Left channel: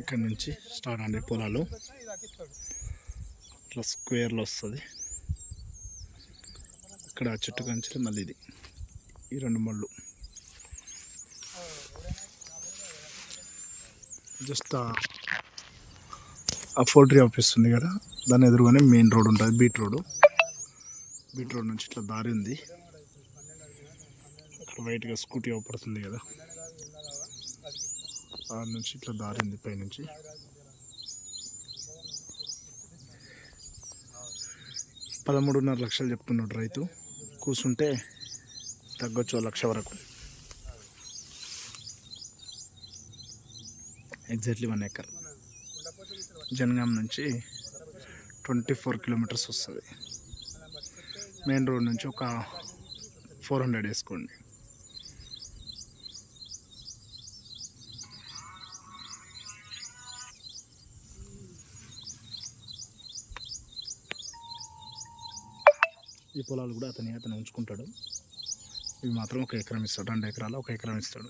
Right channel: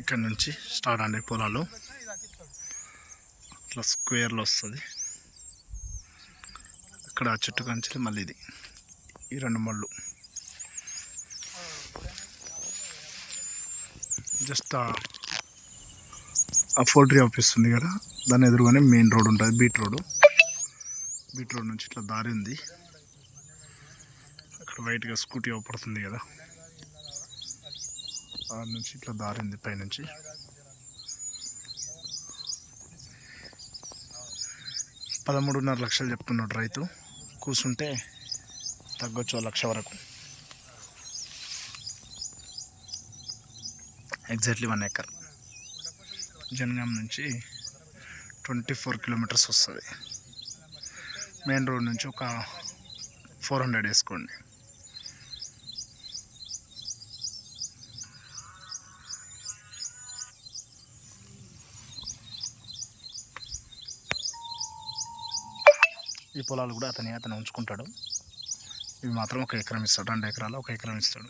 ఇక్కడ నుంచి స్టార్ట్ అండి పొలాలు. అట్లా స్క్వేర్లో వస్తుంది. ఇక్కడ ఆ చెట్టు కంచి మళ్ళీ ఇది. ఈ రెండు మళ్ళు. జస్ట్ ఆ- ఆ పోల్ట్రీ ఆఫీస్ ఉంది కదా. దాని ఎదురుగానే మెయిన్ రోడ్ ఉంటుంది బీట్ రోడ్. బీట్ రోడ్ నుంచి ఇట్లా దారి ఉంది అక్కడ వైట్గా స్కూటీ అవపడుతుంది కదా. ఆ నుంచి ఇట్లా దారింది పైనుంచి పదమూడున్నర లక్షలు చెప్తున్నాడు రైతు. కూర్చుంటే తగ్గొచ్చు లక్ష వరకు. Exactly one acre. జనగాం నుంచి ట్వంటీ ఫోర్ కిలోమీటర్స్ వస్తుంది. మెయిన్ రోడ్ నుంచి ఒక ఫోర్ హండ్రెడ్ వేసుకోండి. ఈ పొలాలు కూడా అతని అతను ఉంచుకుంటాడు. ఇవి మాత్రం ఒక ఎకరం ఇస్తాడు రెండు ఎకరాలు ఒక ఎకరం ఇస్తాడు.